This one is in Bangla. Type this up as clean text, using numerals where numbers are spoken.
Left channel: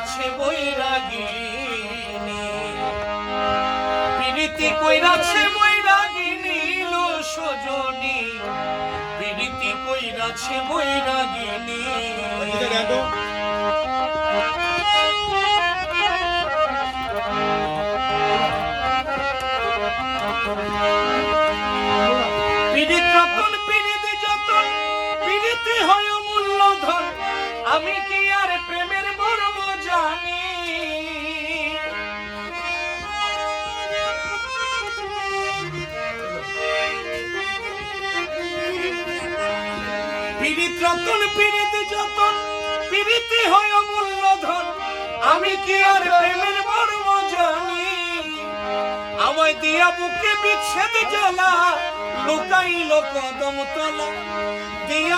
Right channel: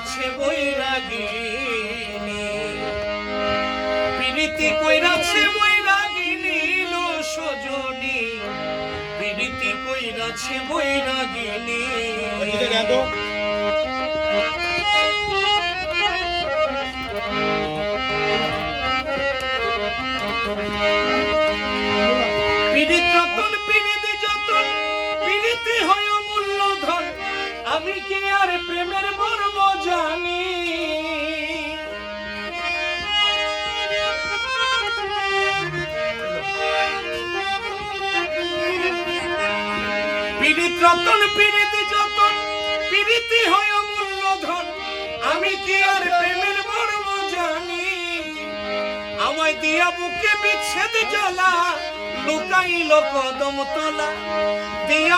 কইরাছে বৈরাগিনী, প্রীতি কইরাছে বৈরাগিনী লো সজনী, প্রীতি কইরাছে বৈরাগিনী। পীড়িত রতন পীড়িত যতন, পীড়িতে হয় মূল্যধন, আমি কি আর প্রেমের মর্ম জানি? পীড়িত রতন পীড়িত যতন, পীড়িতে হয় মূল্যধন, আমি কি আর প্রেমের মর্ম জানি? আমায় দিয়া বুকে বিচ্ছেদ জ্বালা, লুকাইল কদম তলা দিয়া